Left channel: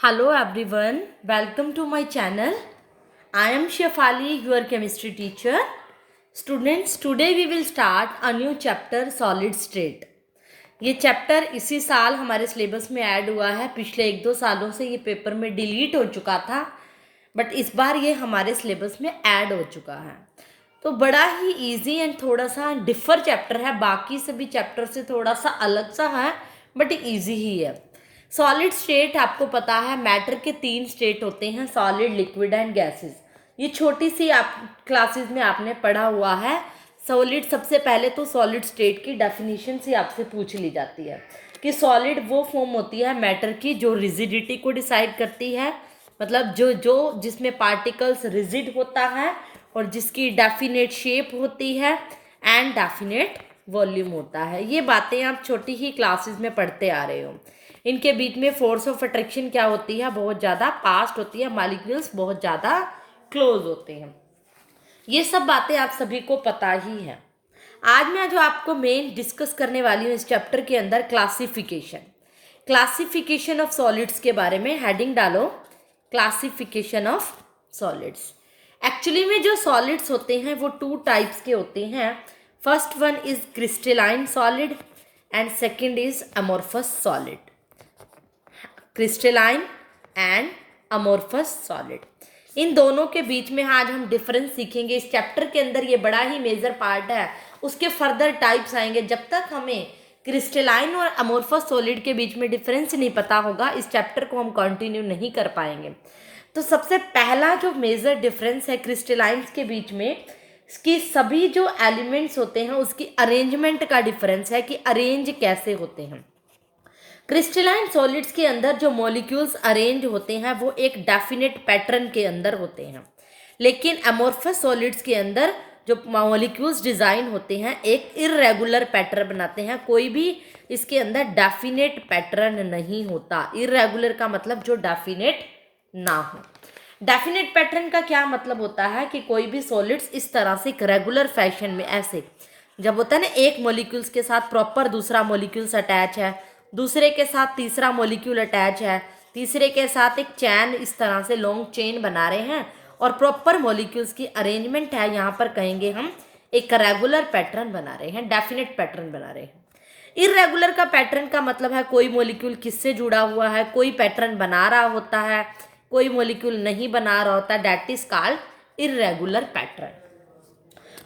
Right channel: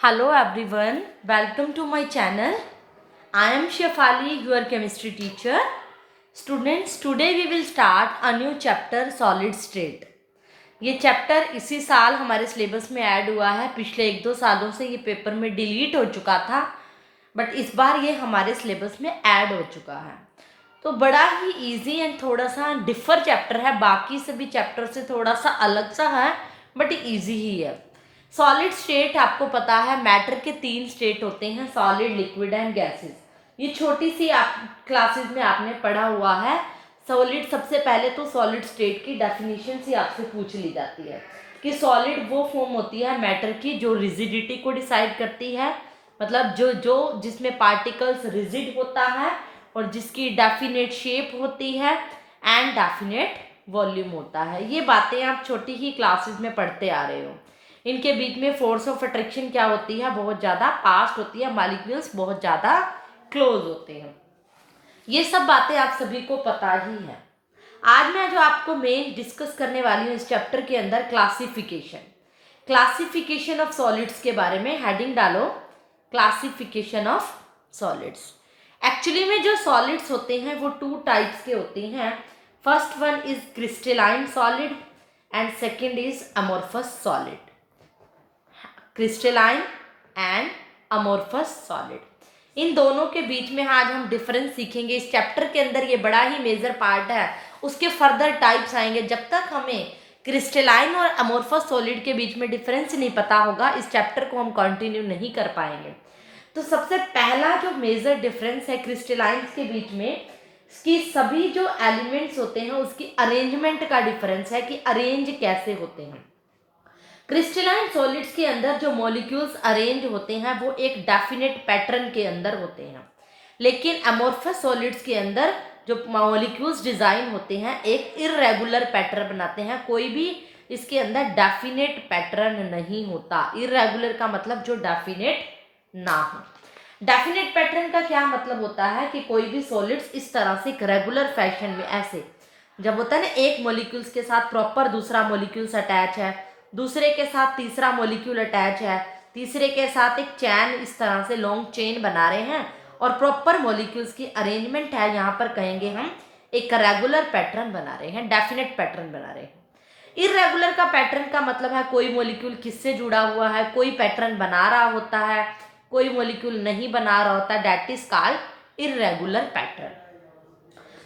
Hello everyone, welcome to my channel. I am Shefali, your chemistry teacher. Students, today we will start a new chapter solid state. ये chapter इसी साल हमारे syllabus में add हुआ है. पिछले 1-2 सालों से ये पेपर में डिलीट हो चुका था, बट इस बार ये हमारे सिलेबस में ऐड हो चुका है. तो बड़ा ही इजी एंड थोड़ा सा डिफर चैप्टर है. बाकी सभी चैप्टर से थोड़ा सा अलग सा है, बट इजी ही है. सॉलिड स्टेट आपको पता है, मैटर के 3 स्टेट होते हैं, सॉलिड, लिक्विड एंड गैसेस. ये छोटी सी आप क्लासेस में आपने पढ़ा हुआ है. सॉलिड, सबसे पहले तो सॉलिड स्टेट की डेफिनेशन से आपसे पूछ ली जाती है कि सॉलिड वो फॉर्म होती है मैटर की जो रिजिडिटी को डिसाइड करती है, मतलब जो जिसमें पार्टिकल्स रिजिड होता है और जिसकी डेफिनेट शेप होती है एंड डेफिनेट वॉल्यूम होता है. ये बातें आप छोटी ही क्लासेस में पढ़ते आ रहे हो. इनके बीच में फोर्स ऑफ अट्रैक्शन क्या होती है, बहुत ज़्यादा पास्ट होती है, मॉलिक्यूल्स बहुत ज़्यादा क्लोज होते हैं. ये सब बातें आप सभी को पता ही है. आज मैं जो आपको मेन डिस्कस करने वाली हूँ इस चैप्टर के अंदर, क्लासिफिकेशन ऑफ सॉलिड्स के बारे में. हेडिंग डालो, क्लासिफिकेशन ऑफ सॉलिड्स. एक्चुअली में जो सॉलिड्स होते हैं वो 2 टाइप्स के होते हैं. First one is crystalline solid and second is amorphous solid. Crystalline and amorphous solid, इन दोनों के बीच में आज हम डिफरेंस सीखेंगे. इस चैप्टर के अंदर ये बड़ा ही मेजर पार्ट है. उसके फर्दर टाइप्स आएंगे. जब तक हमें क्रिस्टलाइन और अमोर्फस सॉलिड के बीच में डिफरेंस नहीं पता होगा, इस चैप्टर को हम कंटिन्यू नहीं कर पाएंगे. तो सबसे पहला जो मेजर डिफरेंस है क्रिस्टलाइंस के बीच में, इसकी सभी जो एलिमेंट्स होते हैं उसकी अरेंजमेंट का डिफरेंस है कि अरेंज कैसे होते हैं. क्रिस्टलाइन सॉलिड्स के अंदर जो मॉलिक्यूल्स अरेंज होते हैं वो एक डेफिनेट पैटर्न के अंदर होते हैं, लेकिन अमोर्फस सॉलिड्स के अंदर जो मॉलिक्यूल्स डिज़ाइन होते हैं एक इर्रेगुलर पैटर्न बनाते हैं. कोई भी इसके अंदर डेफिनेट पैटर्न नहीं होता. इर्रेगुलर का मतलब जो डेफिनेट ना हो. डेफिनेट पैटर्न का क्या मतलब होता है कि कोई भी सॉलिड्स इस तरह से एक रेगुलर फैशन में, ऐसे जब होता है ना, एक मॉलिक्यूल्स के साथ प्रॉपर दूसरा मॉलिक्यूल्स अटैच है, दूसरे के साथ तीसरा मॉलिक्यूल अटैच है, तीसरे के साथ एक चैन, इस तरह से लॉन्ग चेन बना रहे हैं और प्रॉपर मॉलिक्यूल्स की अरेंजमेंट है. यहाँ पर कहेंगे हम एक रेगुलर पैटर्न बना रहे हैं, डेफिनेट पैटर्न बना रहे हैं. इर्रेगुलर का पैटर्न का मतलब है कोई मॉलिक्यूल किससे जुड़ा हुआ है, कोई पैटर्न बना रहा होता है, कोई मॉलिक्यूल नहीं बना रहा होता. That is called irregular pattern.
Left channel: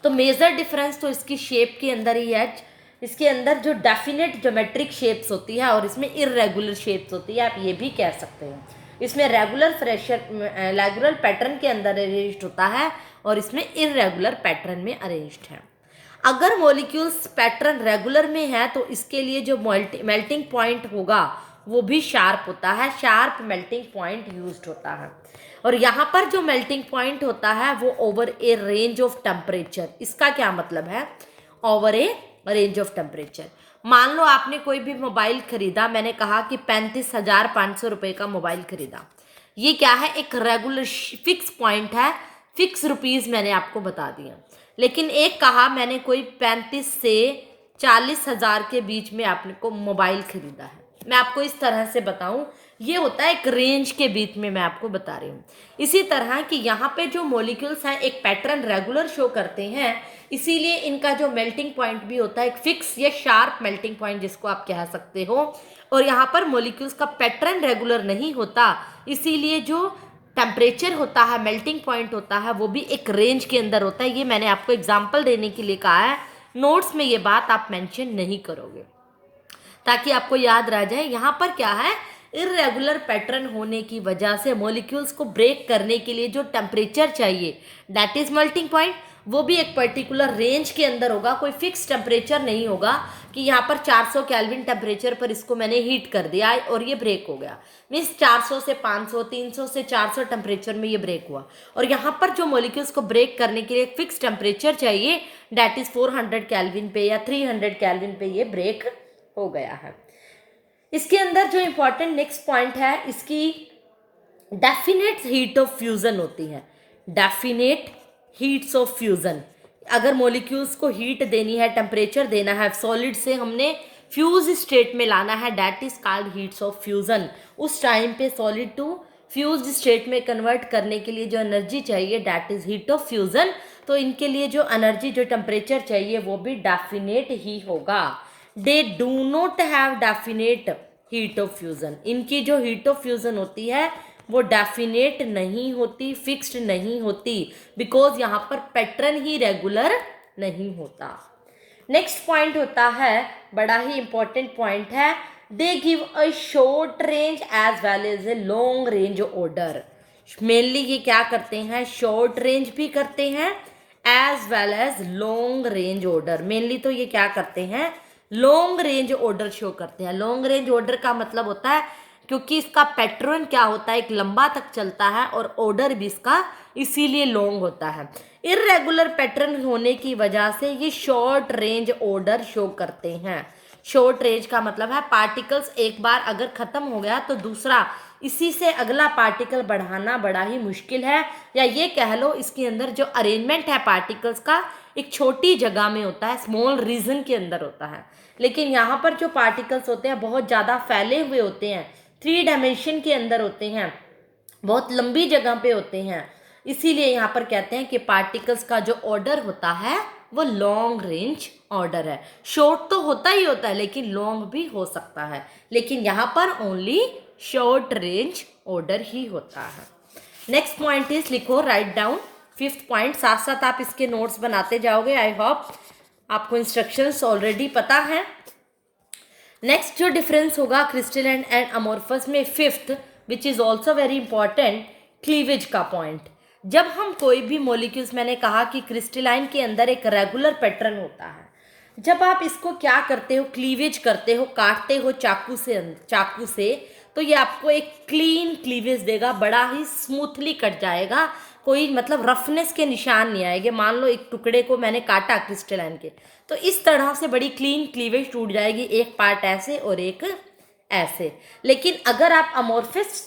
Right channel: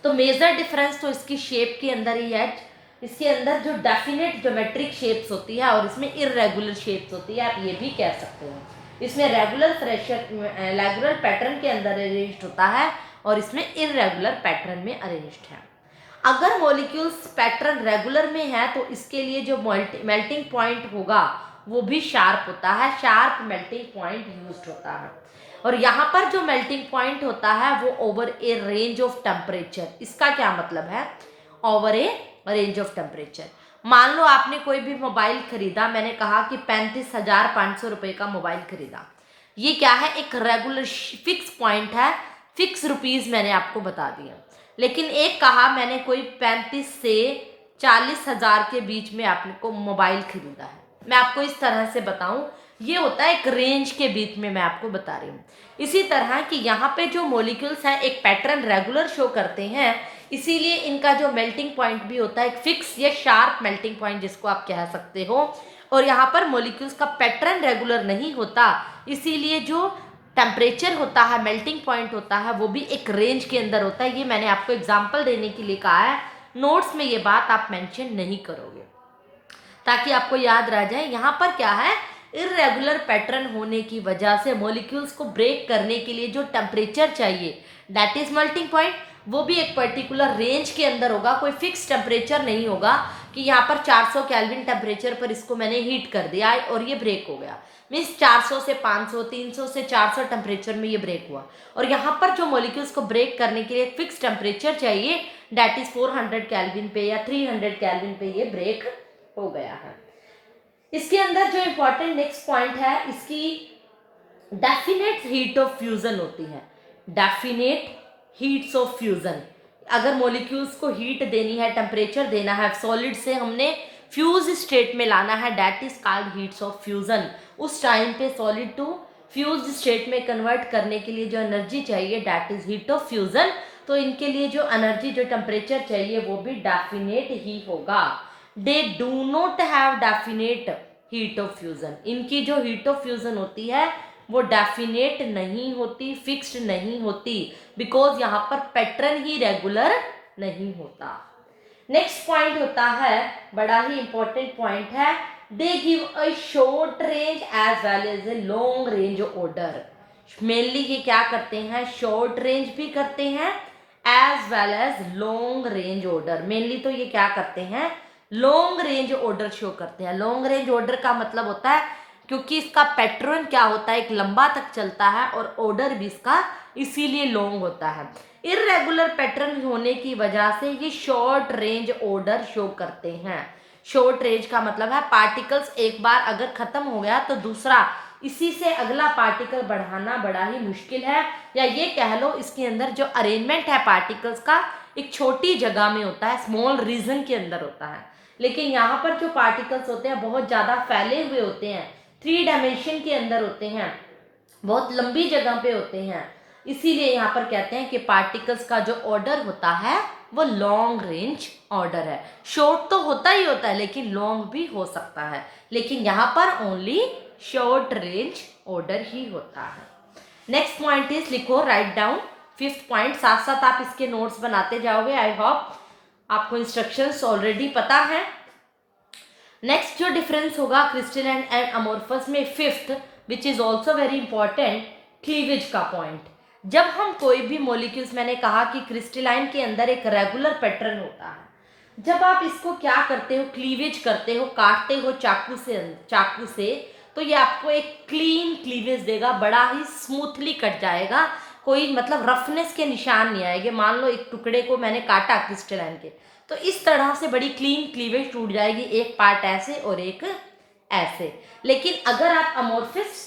तो मेजर डिफरेंस तो इसकी शेप के अंदर ही है. इसके अंदर जो डेफिनेट ज्योमेट्रिक शेप्स होती है और इसमें इर्रेगुलर शेप्स होती है, आप ये भी कह सकते हो. इसमें रेगुलर पैटर्न के अंदर अरेंज्ड होता है और इसमें इर्रेगुलर पैटर्न में अरेंज्ड है. अगर मॉलिक्यूल्स पैटर्न रेगुलर में है तो इसके लिए जो मेल्टिंग पॉइंट होगा वो भी शार्प होता है. शार्प मेल्टिंग पॉइंट यूज्ड होता है. और यहाँ पर जो मेल्टिंग पॉइंट होता है वो over A range of temperature. इसका क्या मतलब है, over A range of temperature. मान लो आपने कोई भी मोबाइल खरीदा, मैंने कहा कि 35,500 रुपये का मोबाइल खरीदा. ये क्या है, एक रेगुलर फिक्स पॉइंट है, फिक्स रुपीज़ मैंने आपको बता दिया. लेकिन एक कहा मैंने कोई 35 से 40,000 के बीच में आपको मोबाइल खरीदा है. मैं आपको इस तरह से बताऊं, ये होता है एक रेंज के बीच में मैं आपको बता रही हूँ. इसी तरह कि यहाँ पे जो मॉलिक्यूल्स हैं एक पैटर्न रेगुलर शो करते हैं, इसीलिए इनका जो मेल्टिंग पॉइंट भी होता है एक फिक्स या शार्प मेल्टिंग पॉइंट जिसको आप कह सकते हो. और यहाँ पर मॉलिक्यूल्स का पैटर्न रेगुलर नहीं होता, इसीलिए जो टेम्परेचर होता है, मेल्टिंग पॉइंट होता है, वो भी एक रेंज के अंदर होता है. ये मैंने आपको एग्जाम्पल देने के लिए कहा है. नोट्स में ये बात आप मेंशन नहीं करोगे ताकि आपको याद रह जाए. यहाँ पर क्या है, इर्रेगुलर पैटर्न होने की वजह से मॉलिक्यूल्स को ब्रेक करने के लिए जो टेम्परेचर चाहिए, दैट इज मेल्टिंग पॉइंट, वो भी एक पर्टिकुलर रेंज के अंदर होगा. कोई फिक्स टेम्परेचर नहीं होगा कि यहाँ पर 400 केल्विन टेम्परेचर पर इसको मैंने हीट कर दिया और ये ब्रेक हो गया. मीन्स 400 से 500, 300 से 400 टेम्परेचर में ये ब्रेक हुआ. और यहाँ पर जो मॉलिक्यूल्स को ब्रेक करने के लिए एक फिक्स टेम्परेचर चाहिए, दैट इज 400 केल्विन पे या 300 केल्विन पे ये ब्रेक हो गया है. इसके अंदर जो इंपॉर्टेंट नेक्स्ट पॉइंट है, इसकी डेफिनेट हीट ऑफ फ्यूजन होती है. डेफिनेट हीट्स ऑफ फ्यूजन, अगर मॉलिक्यूल्स को हीट देनी है, टेम्परेचर देना है, सॉलिड से हमने फ्यूज स्टेट में लाना है, that is called heats of fusion. उस टाइम पे सॉलिड टू फ्यूज स्टेट में कन्वर्ट करने के लिए जो एनर्जी चाहिए that is heat of fusion. तो इनके लिए जो एनर्जी, जो टेम्परेचर चाहिए वो भी डेफिनेट ही होगा। They do not have definite heat of fusion. इनकी जो हीट ऑफ फ्यूजन होती है वो डेफिनेट नहीं होती, फिक्स्ड नहीं होती, बिकॉज यहाँ पर पैटर्न ही रेगुलर नहीं होता। नेक्स्ट पॉइंट होता है, बड़ा ही इंपॉर्टेंट पॉइंट है, they give a short range as well as a long range order. Mainly ये क्या करते हैं, शॉर्ट रेंज भी करते हैं as well as long range order. Mainly तो ये क्या करते हैं, लॉन्ग रेंज ऑर्डर शो करते हैं। लॉन्ग रेंज ऑर्डर का मतलब होता है, क्योंकि इसका पैटर्न क्या होता है, एक लंबा तक चलता है और ऑर्डर भी इसका इसीलिए लॉन्ग होता है। इरेगुलर पैटर्न होने की वजह से ये शॉर्ट रेंज ऑर्डर शो करते हैं। शॉर्ट रेंज का मतलब है पार्टिकल्स एक बार अगर खत्म हो गया तो दूसरा इसी से अगला पार्टिकल बढ़ाना बड़ा ही मुश्किल है, या ये कह लो इसके अंदर जो अरेंजमेंट है पार्टिकल्स का एक छोटी जगह में होता है, स्मॉल रीजन के अंदर होता है। लेकिन यहाँ पर जो पार्टिकल्स होते हैं बहुत ज़्यादा फैले हुए होते हैं, 3 डायमेंशन के अंदर होते हैं, बहुत लंबी जगह पे होते हैं। इसीलिए यहाँ पर कहते हैं कि पार्टिकल्स का जो ऑर्डर होता है वो लॉन्ग रेंज ऑर्डर है। शॉर्ट तो होता ही होता है लेकिन लॉन्ग भी हो सकता है, लेकिन यहाँ पर ओनली शॉर्ट रेंज ऑर्डर ही होता है। नेक्स्ट पॉइंट इज, लिखो, राइट डाउन 5th पॉइंट, साथ साथ आप इसके नोट्स बनाते जाओगे। आई होप आपको इंस्ट्रक्शंस ऑलरेडी पता है। नेक्स्ट जो डिफरेंस होगा क्रिस्टलाइन एंड अमोर्फस में, 5th which is also very important, cleavage का पॉइंट। जब हम कोई भी मॉलिक्यूल्स, मैंने कहा कि क्रिस्टलाइन के अंदर एक रेगुलर पैटर्न होता है, जब आप इसको क्या करते हो, क्लीवेज करते हो, काटते हो चाकू से तो ये आपको एक क्लीन क्लीवेज देगा, बड़ा ही स्मूथली कट जाएगा, कोई मतलब रफनेस के निशान नहीं आएंगे। मान लो एक टुकड़े को मैंने काटा क्रिस्टलाइन के, तो इस तरह से बड़ी क्लीन क्लीवेज टूट जाएगी, एक पार्ट ऐसे और एक ऐसे। लेकिन अगर आप अमोर्फस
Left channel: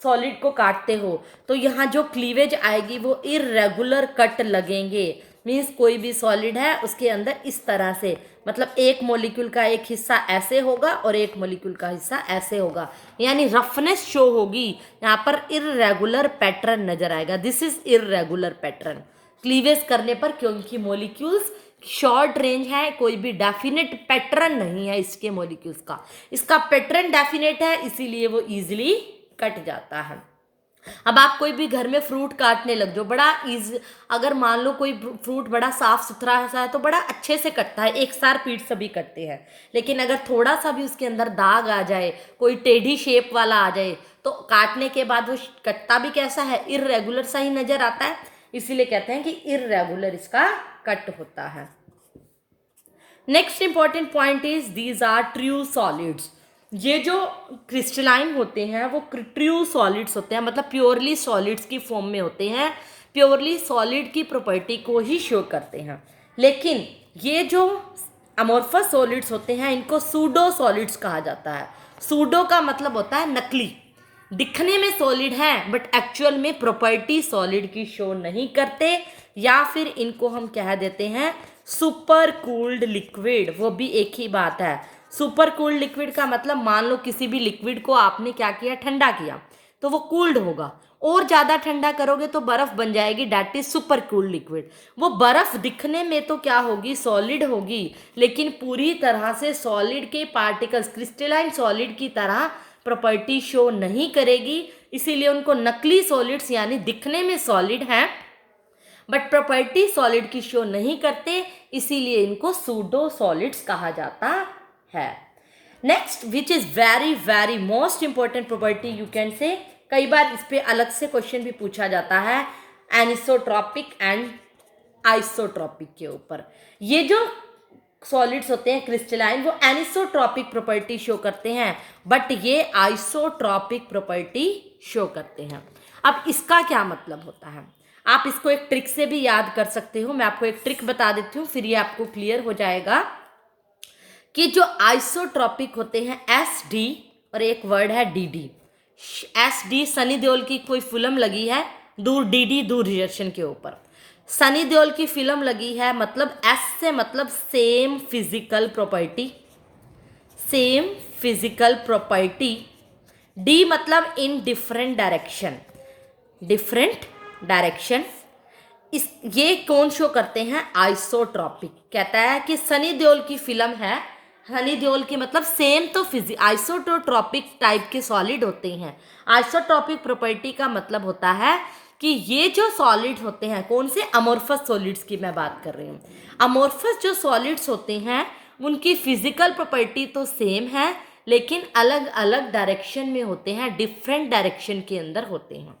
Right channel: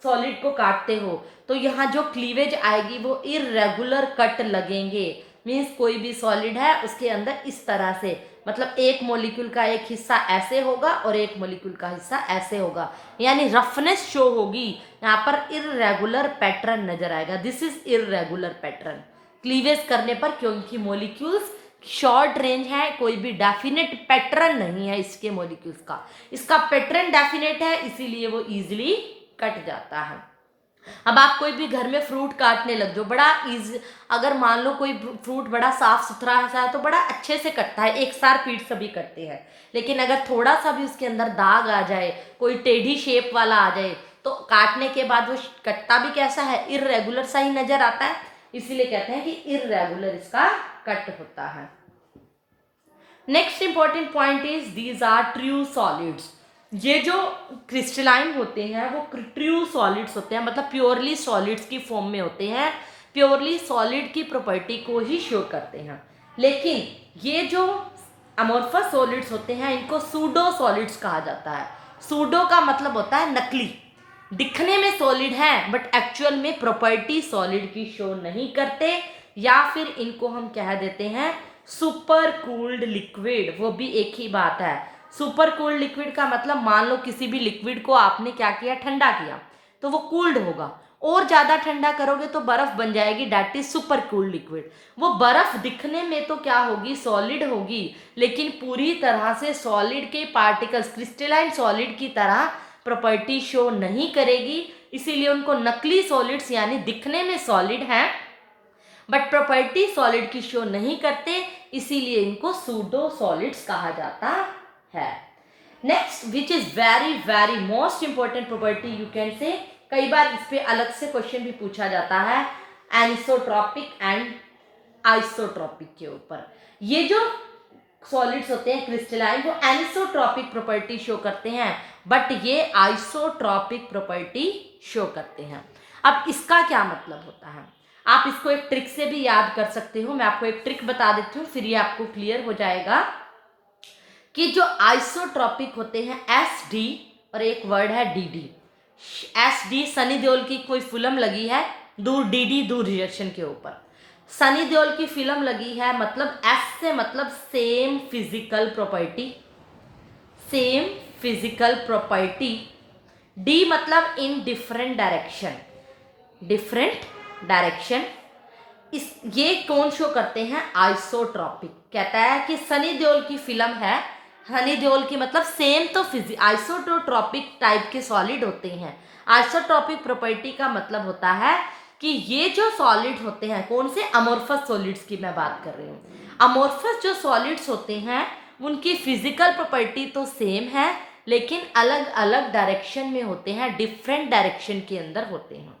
सॉलिड को काटते हो तो यहाँ जो क्लीवेज आएगी वो इरेगुलर कट लगेंगे। मीन्स कोई भी सॉलिड है उसके अंदर इस तरह से, मतलब एक मॉलिक्यूल का एक हिस्सा ऐसे होगा और एक मॉलिक्यूल का हिस्सा ऐसे होगा, यानी रफनेस शो होगी, यहाँ पर इरेगुलर पैटर्न नजर आएगा। This is irregular pattern cleavage करने पर, क्योंकि मॉलिक्यूल्स शॉर्ट रेंज है, कोई भी डेफिनेट पैटर्न नहीं है इसके मॉलिक्यूल्स का। इसका पैटर्न डेफिनेट है इसीलिए वो इजीली कट जाता है। अब आप कोई भी घर में फ्रूट काटने लग जाओ, बड़ा इजी, अगर मान लो कोई फ्रूट बड़ा साफ सुथरा सा है तो बड़ा अच्छे से कटता है, एक सार पीट सभी कटते हैं। लेकिन अगर थोड़ा सा भी उसके अंदर दाग आ जाए, कोई टेढ़ी शेप वाला आ जाए, तो काटने के बाद वो कटता भी कैसा है, इरेगुलर सा ही नजर आता है। इसीलिए कहते हैं कि इरेगुलर इसका कट होता है। Next important point is, these are true solids. ये जो क्रिस्टलाइन होते हैं वो ट्रू सॉलिड्स होते हैं, मतलब प्योरली सॉलिड्स की फॉर्म में होते हैं, प्योरली सॉलिड की प्रॉपर्टी को ही शो करते हैं। लेकिन ये जो अमोर्फस सॉलिड्स होते हैं इनको सूडो सॉलिड्स कहा जाता है। सूडो का मतलब होता है नकली, दिखने में सॉलिड है बट एक्चुअल में प्रॉपर्टी सॉलिड की शो नहीं करते, या फिर इनको हम कह देते हैं सुपर कूल्ड लिक्विड। वो भी एक ही बात है। सुपर कूल्ड लिक्विड का मतलब, मान लो किसी भी लिक्विड को आपने क्या किया, ठंडा किया, तो वो कूल्ड होगा, और ज़्यादा ठंडा करोगे तो बर्फ़ बन जाएगी, that is super cooled liquid. वो बर्फ़ दिखने में तो क्या होगी, सॉलिड होगी, लेकिन पूरी तरह से सॉलिड के पार्टिकल्स क्रिस्टलाइन सॉलिड की तरह प्रॉपर्टी शो नहीं करेगी, इसीलिए उनको नकली सॉलिड्स, यानी दिखने में सॉलिड हैं बट प्रॉपर्टी सॉलिड की शो नहीं करते, इसीलिए इनको सूडो सॉलिड्स कहा जाता है। Next which is very very most important property you can say, कई बार इस पे अलग से क्वेश्चन भी पूछा जाता है, एनिसोट्रॉपिक एंड आइसोट्रॉपिक के ऊपर। ये जो सॉलिड्स होते हैं क्रिस्टलाइन वो एनिसोट्रॉपिक प्रॉपर्टी शो करते हैं, बट ये आइसोट्रॉपिक प्रॉपर्टी शो करते हैं। अब इसका क्या मतलब होता है, आप इसको एक ट्रिक से भी याद कर सकते हो। मैं आपको एक ट्रिक बता देती हूँ, फिर ये आपको क्लियर हो जाएगा कि जो आइसोट्रॉपिक होते हैं SD और एक वर्ड है DD। SD सनी देओल की कोई फिल्म लगी है, दूर DD दूर रिएक्शन के ऊपर। सनी देओल की फिल्म लगी है, मतलब S से मतलब same physical property, same physical property. D मतलब in different direction, different direction. इस ये कौन शो करते हैं? आइसोट्रॉपिक। कहता है कि सनी देओल की फिल्म है, हनी देओल की मतलब सेम तो आइसोट्रॉपिक टाइप के सॉलिड होते हैं। आइसोट्रॉपिक प्रॉपर्टी का मतलब होता है कि ये जो सॉलिड होते हैं, कौन से? अमोर्फस सॉलिड्स की मैं बात कर रही हूँ। अमोर्फस जो सॉलिड्स होते हैं उनकी फिजिकल प्रॉपर्टी तो सेम है, लेकिन अलग अलग डायरेक्शन में होते हैं, डिफरेंट डायरेक्शन के अंदर होते हैं।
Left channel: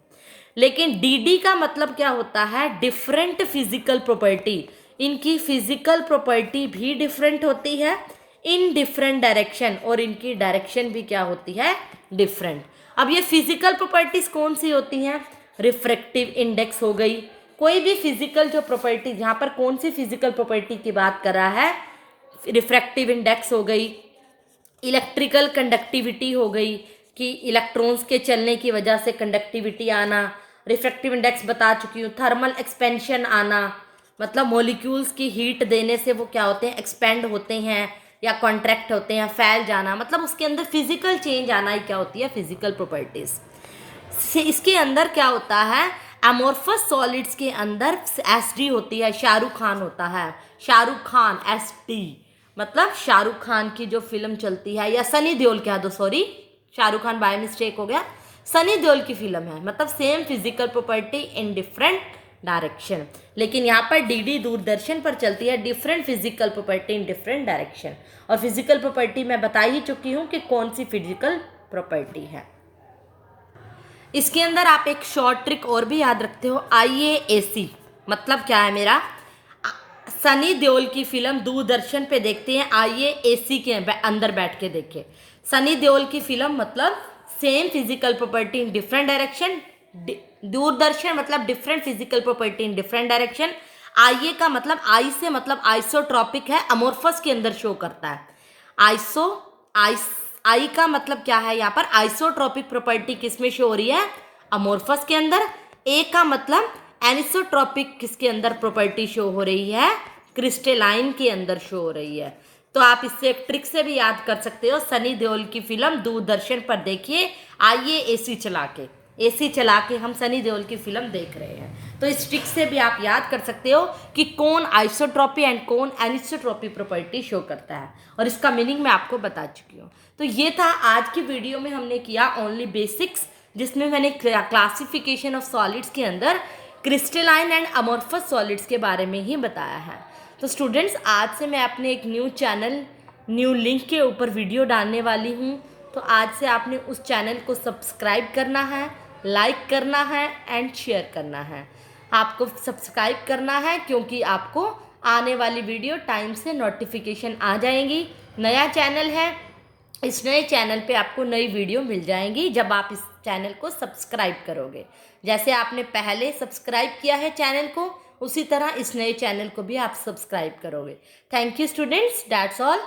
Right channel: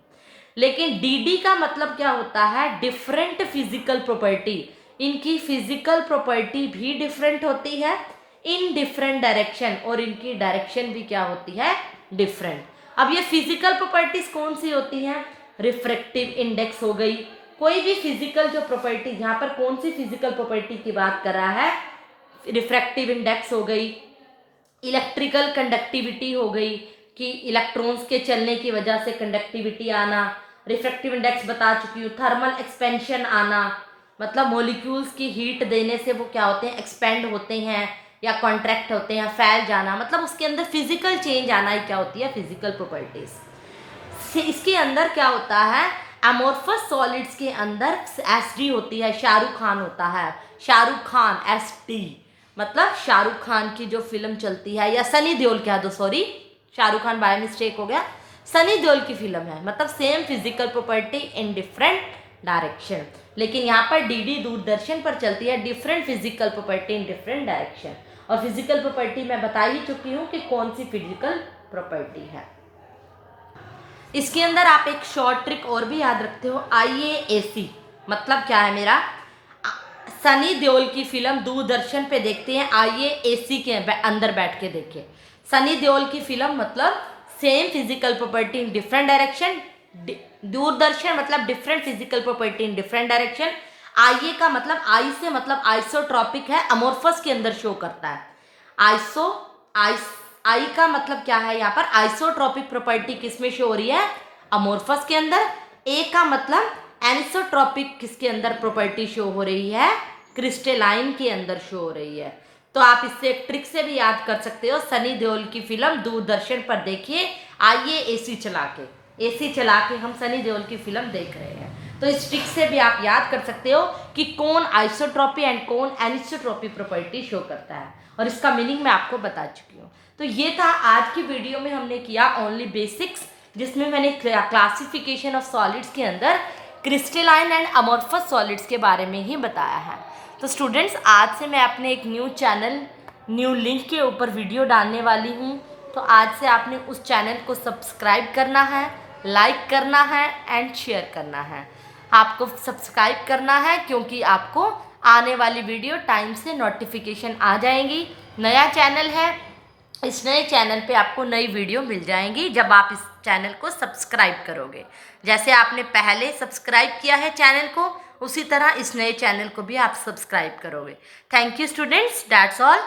लेकिन डी का मतलब क्या होता है? Different physical property. इनकी फिजिकल प्रॉपर्टी भी डिफरेंट होती है इन डिफरेंट डायरेक्शन, और इनकी डायरेक्शन भी क्या होती है? डिफरेंट। अब ये फिजिकल प्रॉपर्टीज कौन सी होती हैं? रिफ्रैक्टिव इंडेक्स हो गई, कोई भी फिजिकल जो प्रॉपर्टी, यहाँ पर कौन सी फिजिकल प्रॉपर्टी की बात कर रहा है? रिफ्रैक्टिव इंडेक्स हो गई, इलेक्ट्रिकल कंडक्टिविटी हो गई कि इलेक्ट्रॉन्स के चलने की वजह से कंडक्टिविटी आना, रिफ्रैक्टिव इंडेक्स बता चुकी हूँ। थर्मल एक्सपेंशन आना, मतलब मॉलिक्यूल्स की हीट देने से वो क्या होते हैं? एक्सपेंड होते हैं या कॉन्ट्रैक्ट होते हैं, फैल जाना, मतलब उसके अंदर फिजिकल चेंज आना ही क्या होती है? Physical properties. इसके अंदर क्या होता है? अमोर्फस सॉलिड्स के अंदर एसडी होती है, शाहरुख खान होता है, शाहरुख खान एसडी, मतलब शाहरुख खान की जो फिल्म चलती है, या सनी देओल कह दो, sorry Shahrukh Khan by mistake हो गया, सनी देओल की फिल्म है, मतलब same physical property in different direction. लेकिन यहाँ पर डीडी दूरदर्शन पर चलती है different physical property in different direction. और फिजिकल प्रॉपर्टी मैं बता ही चुकी हूँ कि कौन सी फिजिकल प्रॉपर्टी है। इसके अंदर आप एक शॉर्ट ट्रिक और भी याद रखते हो, IAAC मतलब क्या है मेरा? सनी देओल की फिल्म दूरदर्शन पे देखते हैं, IAAC के अंदर बैठ के देखे। सनी देओल की फिल्म मतलब same physical property in different direction, Doordarshan मतलब different physical property in different direction. IA का मतलब आई से मतलब आइसोट्रॉपिक है, अमोर्फस के अंदर शो करता है। आई का मतलब क्या है? यहाँ पर आइसोट्रॉपिक प्रॉपर्टी किस में शो हो रही है? अमोर्फस के अंदर। ए का मतलब एनिसोट्रॉपिक किसके अंदर प्रॉपर्टी शो हो रही है? क्रिस्टलाइन के अंदर शो हो रही है। तो आप इससे एक ट्रिक से भी याद कर सकते हो, सनी देओल की फिल्म दूरदर्शन पर देखिए, आइए AC चला के, AC चला के हम सनी देओल की फिल्म देख रहे हैं। तो इस ट्रिक से भी आप याद कर सकते हो कि कौन आइसोट्रॉपी एंड कौन एनिसोट्रॉपी प्रॉपर्टी शो करता है, और इसका मीनिंग मैं आपको बता चुकी हूँ। तो ये था आज की वीडियो में हमने किया ओनली बेसिक्स, जिसमें मैंने क्लासिफिकेशन ऑफ सॉलिड्स के अंदर क्रिस्टलाइन एंड अमोर्फस सॉलिड्स के बारे में ही बताया है। तो स्टूडेंट्स, आज से मैं अपने एक न्यू चैनल, न्यू लिंक के ऊपर वीडियो डालने वाली हूँ। तो आज से आपने उस चैनल को सब्सक्राइब करना है, लाइक करना है एंड शेयर करना है। आपको सब्सक्राइब करना है क्योंकि आपको आने वाली वीडियो टाइम से नोटिफिकेशन आ जाएंगी। नया चैनल है, इस नए चैनल पे आपको नई वीडियो मिल जाएंगी जब आप इस चैनल को सब्सक्राइब करोगे। जैसे आपने पहले सब्सक्राइब किया है चैनल को, उसी तरह इस नए चैनल को भी आप सब्सक्राइब करोगे। Thank you students, that's all.